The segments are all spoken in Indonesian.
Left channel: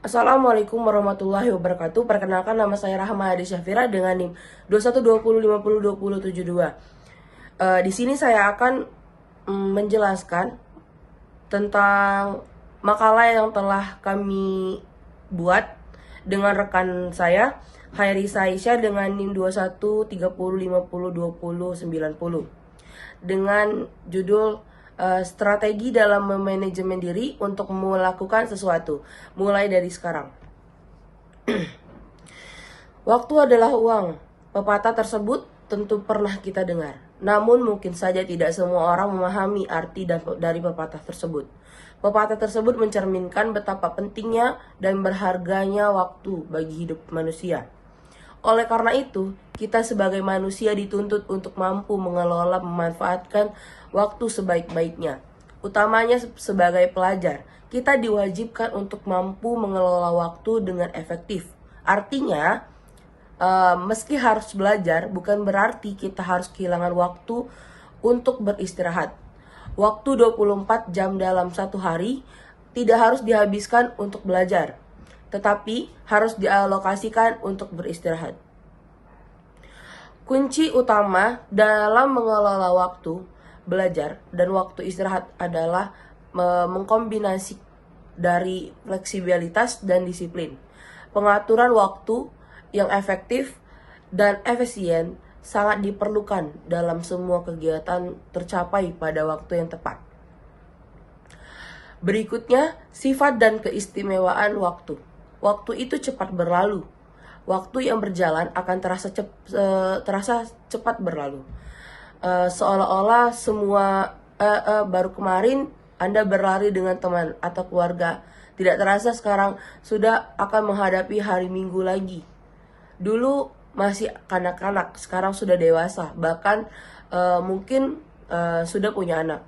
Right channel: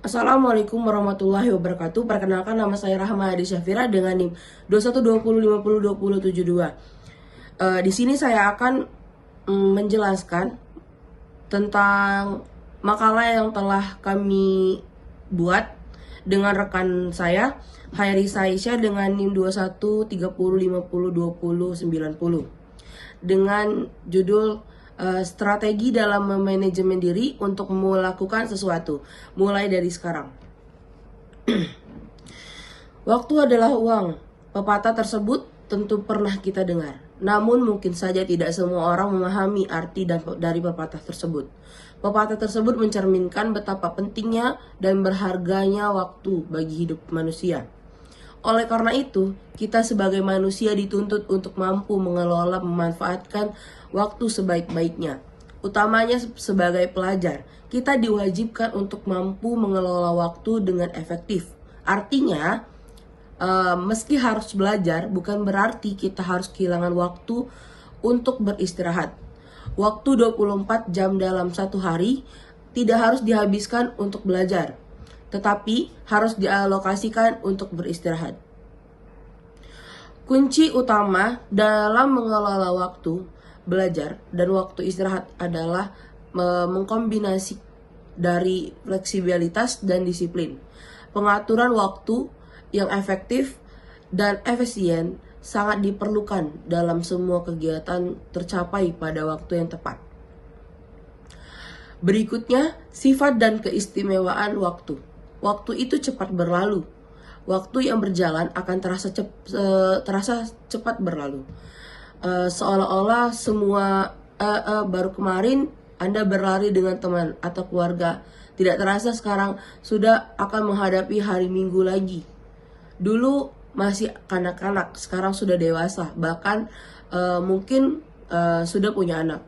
Assalamualaikum warahmatullahi wabarakatuh. Perkenalkan, nama saya Rahma Adi Syafira dengan NIM 2120502072. Di sini saya akan menjelaskan tentang makalah yang telah kami buat dengan rekan saya Hairisa Aisyah dengan NIM 2130502090 dengan judul strategi dalam memanajemen diri untuk melakukan sesuatu, mulai dari sekarang. Waktu adalah uang. Pepatah tersebut tentu pernah kita dengar. Namun mungkin saja tidak semua orang memahami arti dari pepatah tersebut. Pepatah tersebut mencerminkan betapa pentingnya dan berharganya waktu bagi hidup manusia. Oleh karena itu, kita sebagai manusia dituntut untuk mampu mengelola memanfaatkan waktu sebaik-baiknya. Utamanya sebagai pelajar, kita diwajibkan untuk mampu mengelola waktu dengan efektif. Artinya, meski harus belajar, bukan berarti kita harus kehilangan waktu untuk beristirahat. Waktu 24 jam dalam satu hari tidak harus dihabiskan untuk belajar, tetapi harus dialokasikan untuk beristirahat. Kunci utama dalam mengelola waktu belajar dan waktu istirahat adalah mengkombinasi dari fleksibilitas dan disiplin. Pengaturan waktu yang efektif dan efisien sangat diperlukan dalam semua kegiatan tercapai pada waktu yang tepat. Berikutnya, sifat dan keistimewaan waktu. Waktu itu cepat berlalu. Waktu yang berjalan akan terasa cepat berlalu. Seolah-olah semua baru kemarin Anda berlari dengan teman atau keluarga. Tidak terasa sekarang sudah akan menghadapi hari Minggu lagi. Dulu masih kanak-kanak, sekarang sudah dewasa, bahkan mungkin sudah punya anak.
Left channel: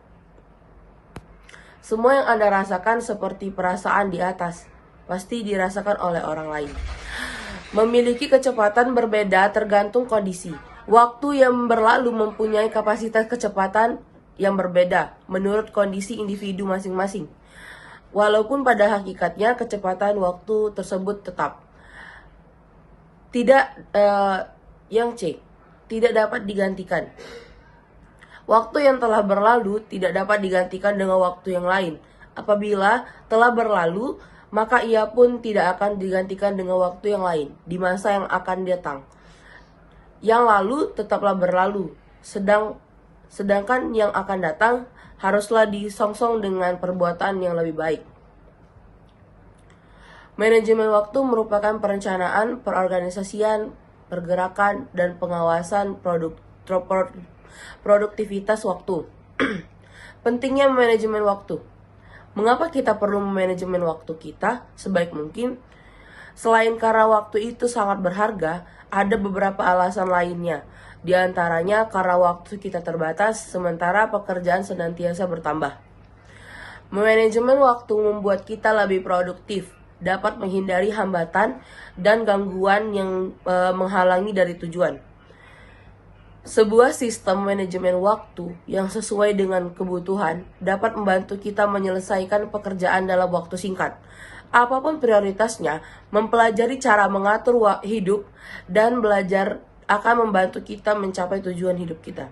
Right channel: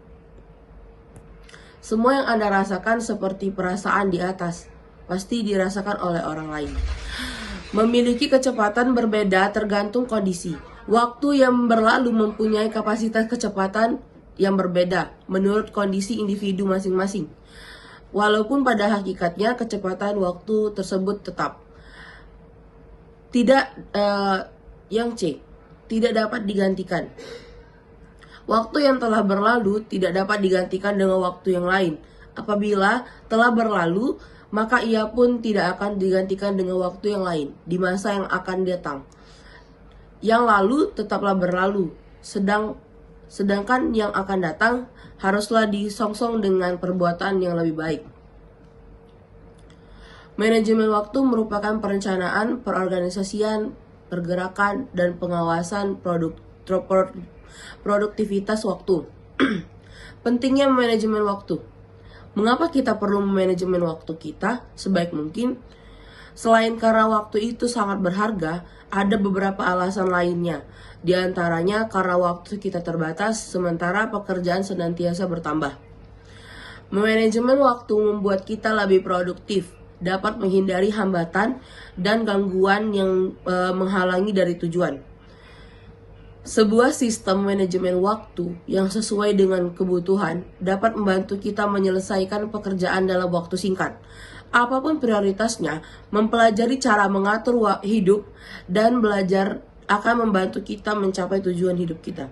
Semua yang Anda rasakan seperti perasaan di atas, pasti dirasakan oleh orang lain. Memiliki kecepatan berbeda tergantung kondisi. Waktu yang berlalu mempunyai kapasitas kecepatan yang berbeda menurut kondisi individu masing-masing. Walaupun pada hakikatnya kecepatan waktu tersebut tetap tidak tidak dapat digantikan. Waktu yang telah berlalu tidak dapat digantikan dengan waktu yang lain. Apabila telah berlalu, maka ia pun tidak akan digantikan dengan waktu yang lain di masa yang akan datang. Yang lalu tetaplah berlalu, sedangkan yang akan datang haruslah disongsong dengan perbuatan yang lebih baik. Manajemen waktu merupakan perencanaan, perorganisasian, pergerakan, dan pengawasan produktivitas waktu. Pentingnya manajemen waktu. Mengapa kita perlu manajemen waktu kita sebaik mungkin? Selain karena waktu itu sangat berharga, ada beberapa alasan lainnya. Di antaranya karena waktu kita terbatas, sementara pekerjaan senantiasa bertambah. Manajemen waktu membuat kita lebih produktif, dapat menghindari hambatan dan gangguan yang menghalangi dari tujuan. Sebuah sistem manajemen waktu yang sesuai dengan kebutuhan dapat membantu kita menyelesaikan pekerjaan dalam waktu singkat. Apapun prioritasnya, mempelajari cara mengatur hidup dan belajar akan membantu kita mencapai tujuan hidup kita.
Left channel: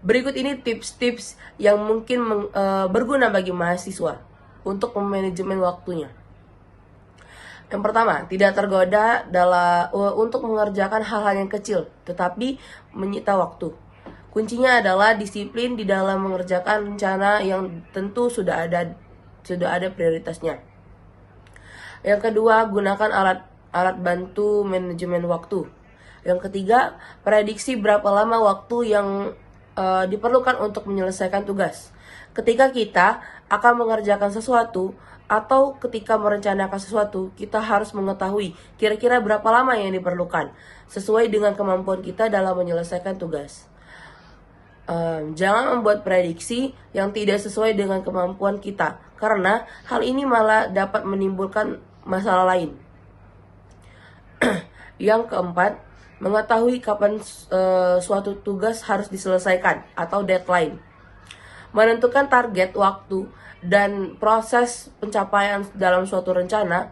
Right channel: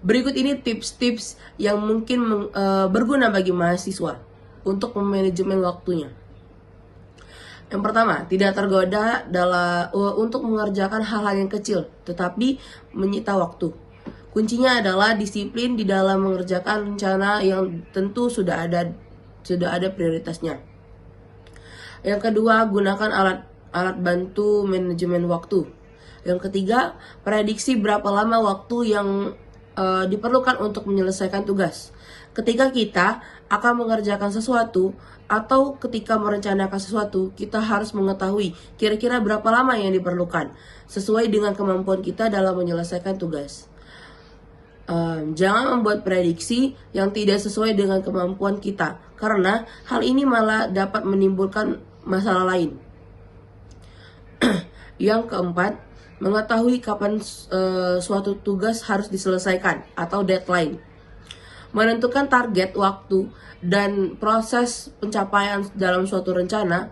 Berikut ini tips-tips yang mungkin berguna bagi mahasiswa untuk memanajemen waktunya. Yang pertama, tidak tergoda untuk mengerjakan hal-hal yang kecil, tetapi menyita waktu. Kuncinya adalah disiplin di dalam mengerjakan rencana yang tentu sudah ada prioritasnya. Yang kedua, gunakan alat bantu manajemen waktu. Yang ketiga, prediksi berapa lama waktu yang diperlukan untuk menyelesaikan tugas. Ketika kita akan mengerjakan sesuatu atau ketika merencanakan sesuatu, kita harus mengetahui kira-kira berapa lama yang diperlukan sesuai dengan kemampuan kita dalam menyelesaikan tugas. Jangan membuat prediksi yang tidak sesuai dengan kemampuan kita, karena hal ini malah dapat menimbulkan masalah lain. Yang keempat, mengetahui kapan suatu tugas harus diselesaikan atau deadline. Menentukan target waktu dan proses pencapaian dalam suatu rencana,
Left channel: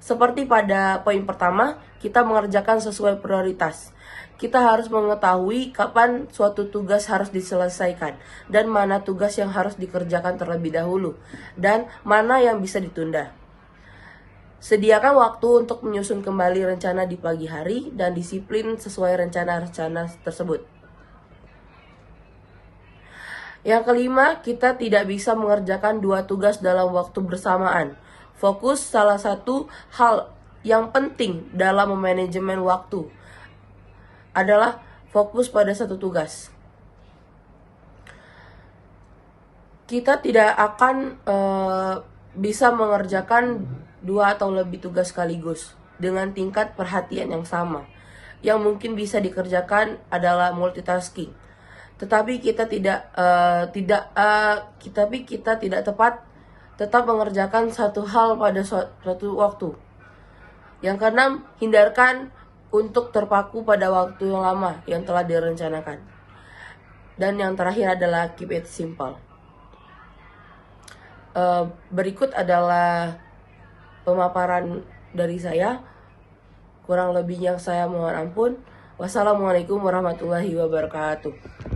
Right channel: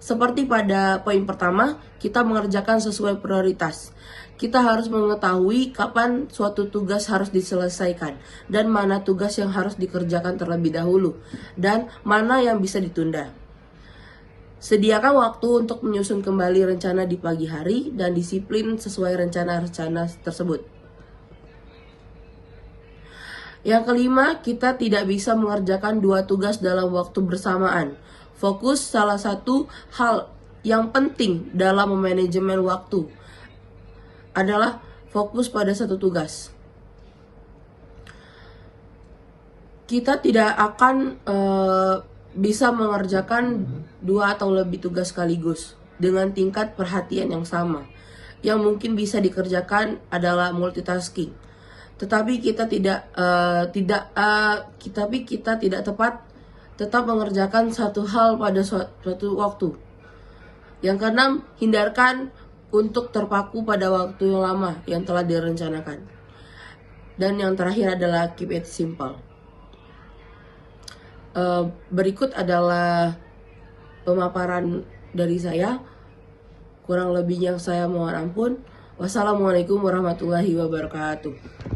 seperti pada poin pertama, kita mengerjakan sesuai prioritas. Kita harus mengetahui kapan suatu tugas harus diselesaikan dan mana tugas yang harus dikerjakan terlebih dahulu dan mana yang bisa ditunda. Sediakan waktu untuk menyusun kembali rencana di pagi hari dan disiplin sesuai rencana-rencana tersebut. Yang kelima, kita tidak bisa mengerjakan dua tugas dalam waktu bersamaan. Fokus salah satu hal yang penting dalam memanajemen waktu adalah fokus pada satu tugas. Kita tidak akan bisa mengerjakan dua atau lebih tugas sekaligus dengan tingkat perhatian yang sama. Yang mungkin bisa dikerjakan adalah multitasking. Tetapi kita tidak tetap mengerjakan satu hal pada suatu waktu. Yang keenam, hindarkan untuk terpaku pada waktu yang lama yang telah direncanakan. Dan yang terakhir adalah keep it simple. Berikut adalah pemaparan dari saya. Kurang lebihnya saya mohon ampun. Wassalamualaikum warahmatullahi wabarakatuh.